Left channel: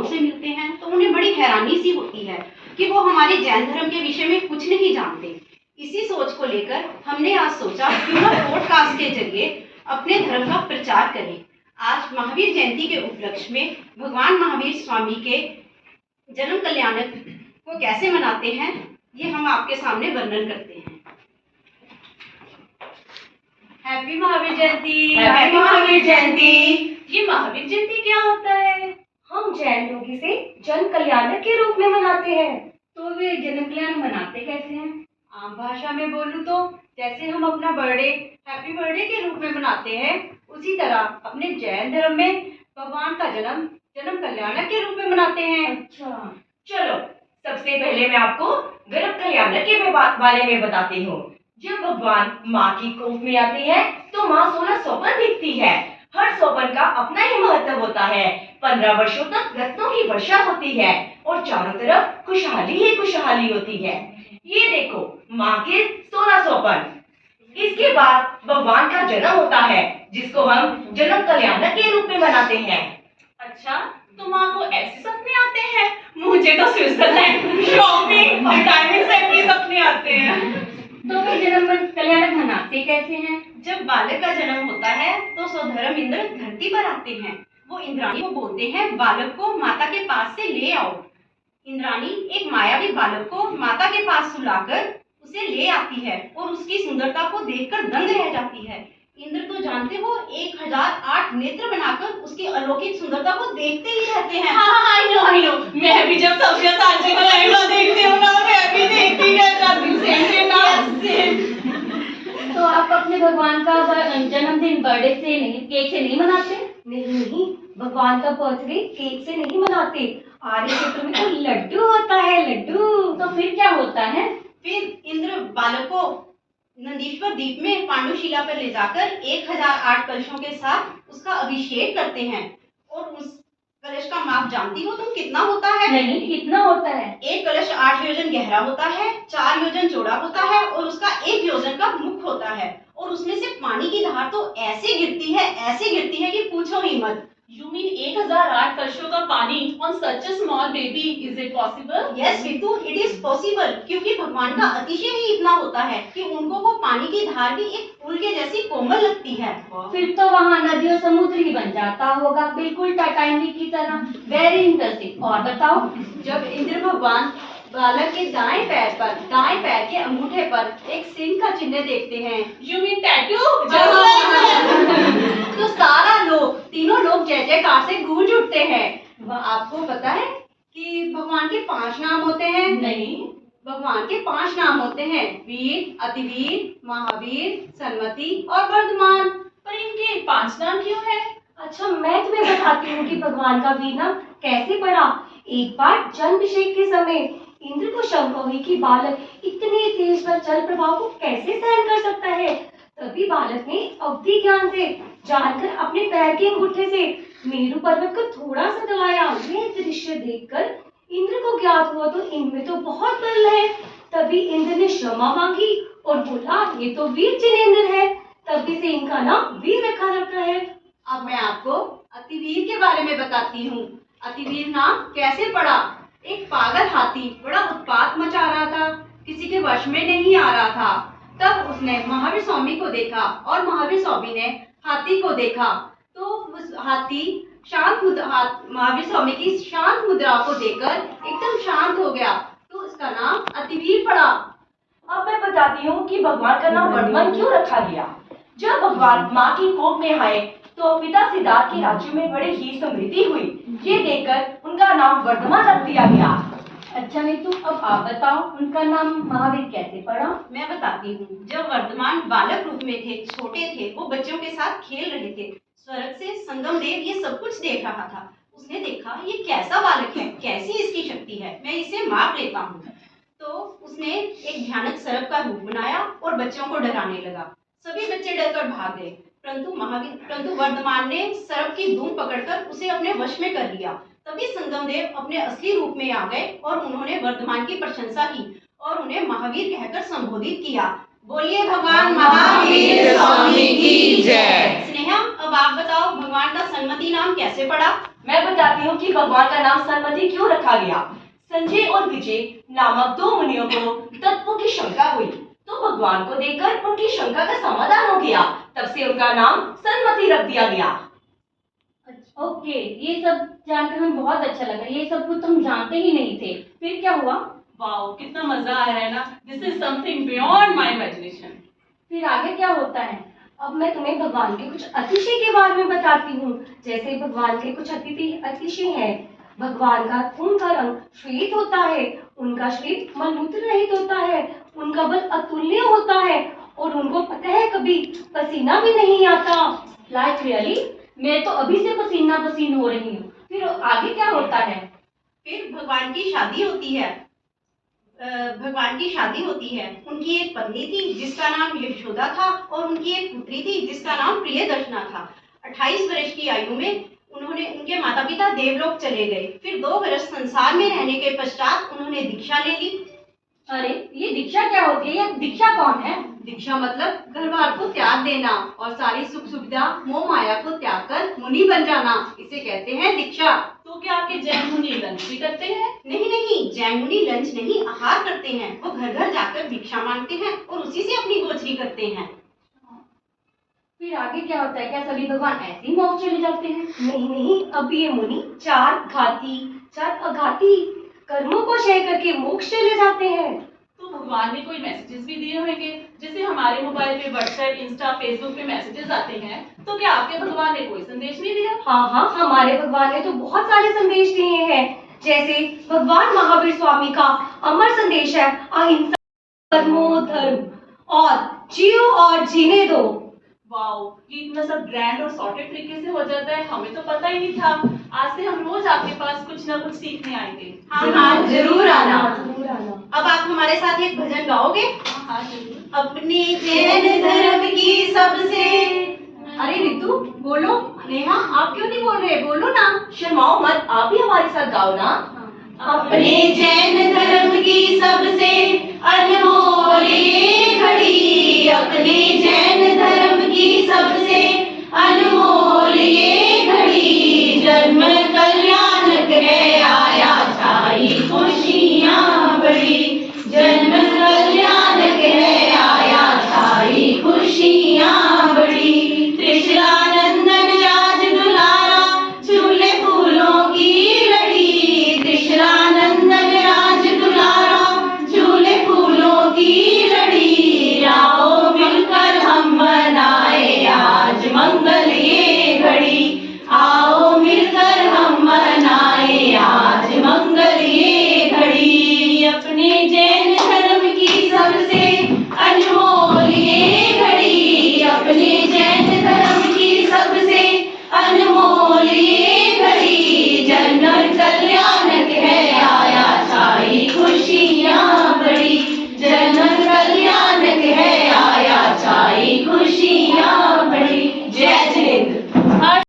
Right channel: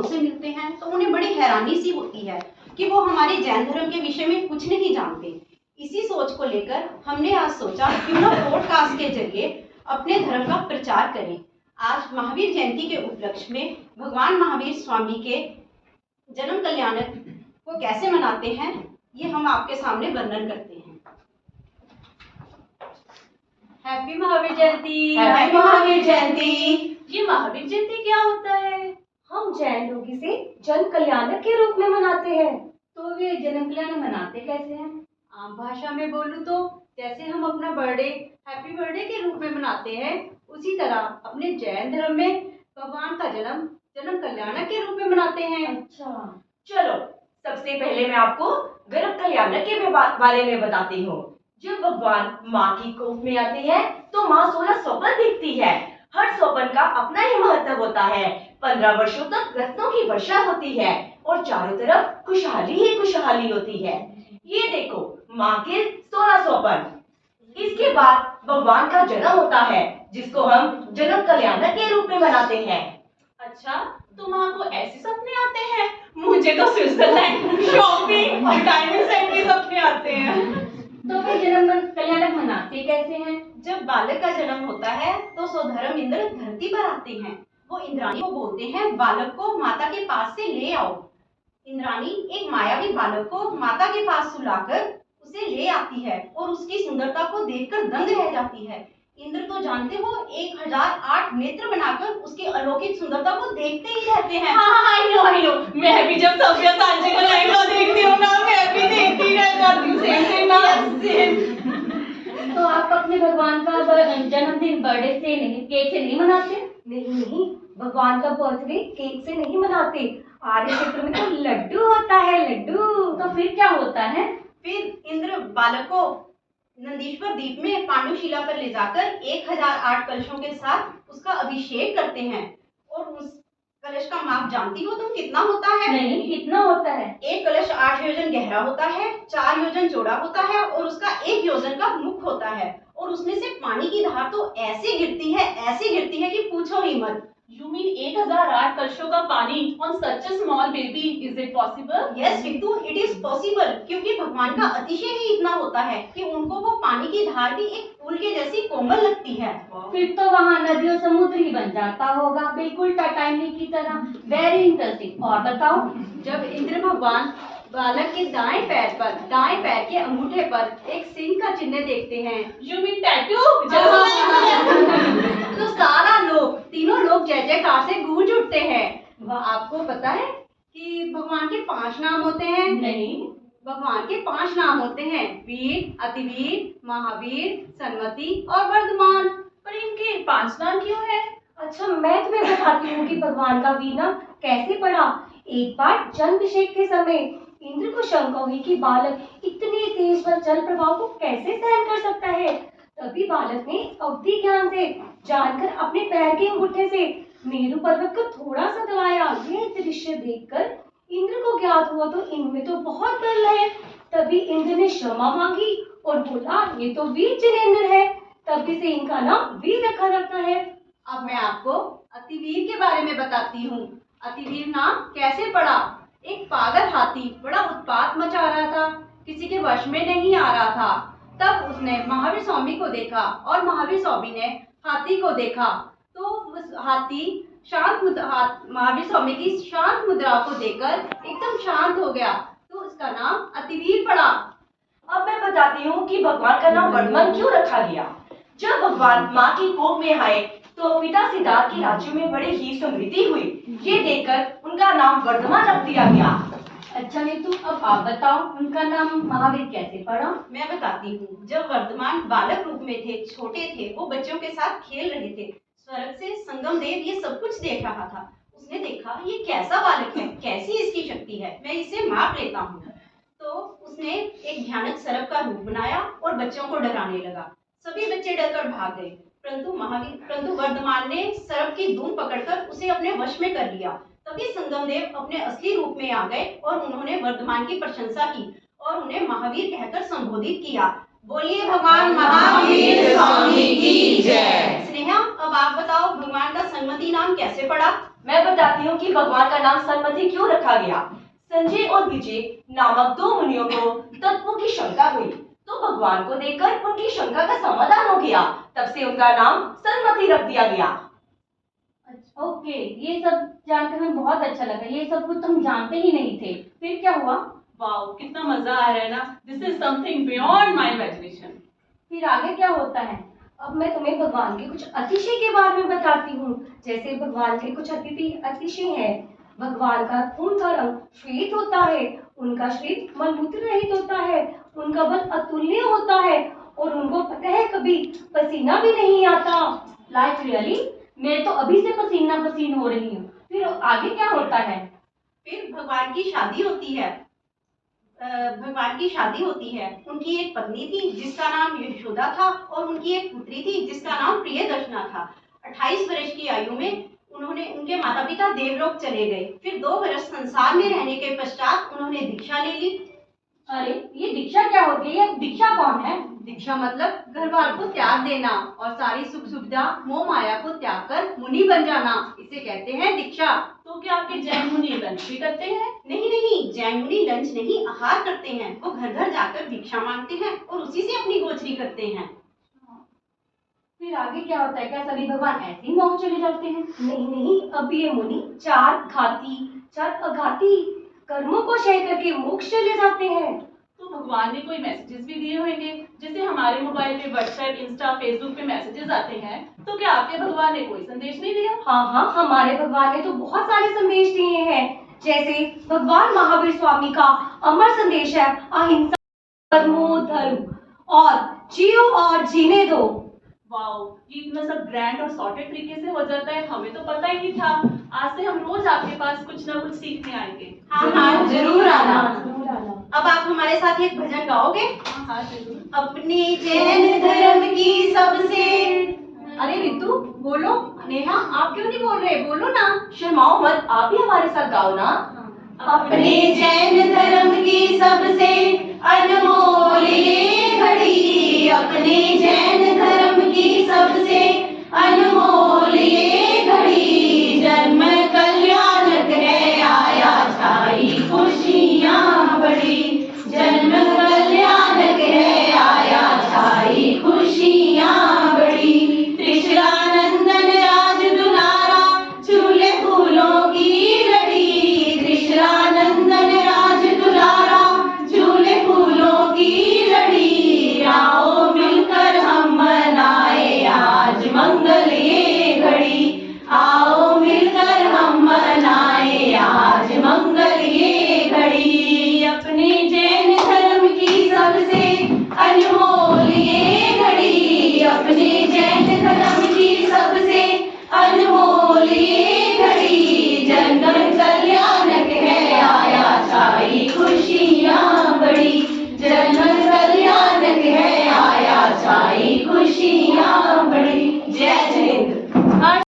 लोगों से मिलते हैं तो उन्हें बड़ी हैरानी सी होती है कि वो हमारे जैन धर्म के विषय में कुछ नहीं जानते। इसी सोच को लेकर हमने आज सोचा क्यों ना पॉडकास्ट के जरिए अपने धर्म का प्रचार करें। आज महावीर जयंती के उपलक्ष्य में भगवान महावीर स्वामी के जन्म कल्याणक को कैसे मनाते हैं ये हम आपके सामने वर्णन करते हैं। हैप्पी महावीर जयंती। हैप्पी महावीर जयंती। ये महावीर जयंती क्या होता है? हम जैन लोग इसे जन कल्याणक के रूप में मनाते हैं। तो वे जन्म कल्याण मनाते कैसे हैं? आम भाषा में बोलूं तो जैसे हम अपना बर्थडे हैप्पी बर्थडे के रूप में मनाते हैं, उसी तरह अपने जैन धर्म में भगवान का जन्म कल्याणक के रूप में मनाते हैं। अच्छा, चलो सबसे पहले मैं आपको गर्भ कल्याणक के बारे में बताती हूँ। जब भगवान माँ की कोख में आती है तो माँ 16 स्वप्न देखती है। हर स्वप्न का अपना ही महत्व होता है। 15 वर्षों तक रत्नों की वर्षा होती है और चारों तरफ खुशहाली ही खुशहाली होती है। ये देखो माँ के 16 स्वप्न। इसके बाद भगवान का जन्म होता है जिसको हम जन्म कल्याणक के रूप में मनाते हैं। अच्छा, तो माँ को ऐसे सपने आते हैं? मुझे तो स्विट्जरलैंड शॉपिंग और डाइनिंग सेट के सपने आते हैं। तो वे जन्म कल्याणक मनाते कैसे हैं? जब बालक का जन्म होता है तो स्वधर्म इंद्र धरती पर आते हैं। वो इंद्राणी को बोलते हैं बालक को माता के पास से ले आओ। इंद्राणी एक मायावी बालक को माता के पास सुलाकर उसे ले आती है और उसकी सुंदरता को देखकर दंग रह जाती है। इंद्र तो जानते हो 1008 नेत्र बनाकर उसकी अलौकिक सुंदरता को देखते ही रहते हैं। हाँ, आई नो। मैं भी जब सभ्य सांची को लहंगा देखती हूँ ना, मैं भी देखती रह जाती हूँ। तो आप अपने भगवान का जन्मदिन बर्थडे से नहीं, केक से नहीं मनाते? नहीं, भगवान का बर्थडे केक से नहीं मनाते। आर्य क्षेत्र में तो लड्डू होता है, लड्डू। तो फिर क्या होता है? फिर इंद्र बालक को नंदीश्वर द्वीप में पांडुशिला पर ले जाकर 1008 कलशों के साथ उसका अभिषेक करते हैं। और उस कलश का माप जानती हो तुम कितना होता है? नहीं, कितना होता है? एक कलश 8 योजन गहरा होता है, 4 योजन चौड़ा होता है और उसका 1 योजन का मुख होता है। और उसमें से पानी की धार तो ऐसे गिरती है कि पूछो ही मत। You mean 1008 कलशों का पानी on such a small baby? Is it possible? Yes, Ritu, it is possible, क्योंकि भगवान का अतिशय ही इतना होता है कि उनको वो पानी की धार भी एक फूल के जैसी कोमल लगती है। फिर तो वहाँ नदी और समुद्र ही बन जाता होगा, बिल्कुल टाइटैनिक की तरह। Very interesting. और बताओ। जब इंद्र भगवान बालक के दाएं पैर के अंगूठे पर एक सिंह का चिन्ह देखते हैं। You mean tattoo? तो सारा लोग, तीनों लोग जय जयकार से गूंज उठते हैं। वह आपको पता है कि भगवान के 5 नाम होते हैं? नहीं। भगवान के 5 नाम होते हैं, वीर, अतिवीर, महावीर, सन्मति और वर्धमान। पर इनके 5 नाम क्यों है? अच्छा, मैं तुम्हें बताती हूँ कि भगवान का वीर नाम कैसे पड़ा। एक बार जन्माभिषेक के समय इंद्र को शंका हुई कि बालक इतनी तेज व जल प्रवाह को कैसे सहन कर सकता है। तभी बालक ने अवधि ज्ञान से जानकर अपने पैर के अंगूठे से मेरु पर्वत को थोड़ा सा दबाया। यह दृश्य देखकर इंद्र को ज्ञात हुआ तो इनमें तो बहुत बल है। तभी इंद्र ने क्षमा मांगी और बोला ये तो वीर जिनेंद्र है। तभी से इनका नाम वीर रखा जाता है। अब मैं आपको अतिवीर के बारे में बताती हूँ। अतिवीर नाम कैसे पड़ा? एक पागल हाथी बड़ा उत्पात मचा रहा था, किसी के वश में नहीं आ रहा था। तब उसने महावीर स्वामी को देखा और महावीर स्वामी ने हाथी को देखा। तो उस हाथी महावीर स्वामी की शांत मुद्रा को देखकर एकदम शांत हो गया, तो इसका नाम अतिवीर पड़ा। अब मैं बताती हूँ कि भगवान का नाम वर्धमान क्यों रखा गया। जब भगवान माँ की कोख में आए तो पिता सिद्धार्थ के राज्य में बड़े ही समृद्धि हुई। ये देखकर उनका नाम वर्धमान रख दिया गया। अच्छा नीतू, अब आप बताओ उनका नाम महावीर कैसे पड़ा? मैं बताती हूँ। जब वर्धमान बालक रूप में थे, छोटे थे, वो बच्चों के साथ खेल रहे थे। स्वर्ग से संगम देव ये सब कुछ देख रहा था। उसने देखा ये कैसा बालक है, कैसी इसकी शक्ति है, मैं इसे माप लेता हूँ। तो उसने एक भयानक सर्प का रूप बनाया और बच्चों को डराने लगा। सभी बच्चे डरकर भाग गए, परंतु वर्धमान ने सर्प की धूम पकड़कर उसे अपने वश में कर लिया। तभी संगम देव अपने असली रूप में आ गए और उन्होंने वर्धमान की प्रशंसा की और उन्हें महावीर कहकर संबोधित किया। बोलिए भगवान महावीर स्वामी की जय। स्नेहा, अब आप बताओ भगवान का सन्मति नाम कैसे पड़ा? मैं बताती हूँ कि भगवान का नाम सन्मति क्यों रखा गया। संजय और विजय नामक दो मुनियों को तत्वों की शंका हुई, तो भगवान को देखकर उनकी शंका का समाधान हो गया। तब से उनका नाम सन्मति रख दिया गया। ओके, ये सब जानकर हमें बहुत अच्छा लगा। ये सब कुछ हम जानते ही नहीं थे। फिर क्या हुआ? वाओ, कितना मजा आ रहा है ना। This is something beyond my imagination. फिर आगे क्या होता है? अब मैं तुम्हें भगवान के कुछ अतिशय के बारे में बताती हूँ। जैसे भगवान के कुछ अतिशय हैं। भगवान का खून का रंग श्वेत होता है, उनका शरीर मलमूत्र रहित होता है, उनका बल अतुल्य होता है और उनको पता है कभी पसीना भी नहीं आता। लाइक रियली, मैं तो अभी से पसीना पसीन हो रही हूँ। फिर आगे क्या होता है? फिर भगवान की शादी होती है। भगवान की शादी होती है। उनकी एक पत्नी थी जिसका नाम यशोदा था और उनकी एक पुत्री थी जिसका नाम प्रियदर्शना था। 28 वर्ष की आयु में उनके माता पिता देवलोक चले गए। फिर 2 वर्ष संसार में रहने के पश्चात उन्होंने दीक्षा ले ली। अरे, ये दीक्षा क्या होती है? ये दीक्षा कौन है? दीक्षा मतलब घर बार को त्याग देना और सारी सुख सुविधा मोह माया को त्याग कर मुनि बन जाना, इसे कहते हैं दीक्षा। तो क्या आपके जैन मुनि लंच भी करते हैं? नहीं नहीं, जैन मुनि लंच नहीं, आहार करते हैं। वो घर घर जाकर भिक्षा मांगते हैं और उसी से अपनी गोचरी करते हैं। फिर आगे क्या होता है? क्या सभी भगवान ऐसे ही मोक्ष चले जाते हैं? नहीं नहीं, अब ये मुनि 4 अघाती कर्मों को क्षय करके मोक्ष चले जाते हैं। तो भगवान ने कोई मैसेजेस भी दिए होंगे, जैसे हमारे मोबाइल पे व्हाट्सएप, इंस्टा, फेसबुक पे मैसेजेस आते हैं। तो क्या आपके भगवान ने कोई संदेश नहीं दिया? हाँ, हमारे भगवान ने तो बहुत सारे संदेश दिए हैं। जैसे भगवान महावीर स्वामी का अमर संदेश है, अहिंसा परमो धर्म और जियो और जीने दो। वाओ, ये इतना सब ग्रैंड और सॉर्टेड तरीके से हो जाता है, हमें तो पता ही नहीं था। आज से हम रोज आपके पास कुछ ना कुछ सीखने आएंगे। हाँ, जरूर आना। जरूर आना। अब आप हमारे साथ एक भजन गाओगे? हाँ जरूर। अपने जैन धर्म की सबसे। अरे रितु बोलो। नेहा आप क्यों नहीं बोल रहे? बोलो ना। शर्माओ मत, आप भी हमारे साथ गाओ ना। अपने जैन धर्म की सबसे अनमोल ये घड़ी, अपने जैन धर्म की सबसे अनमोल ये घड़ी, जन्म कल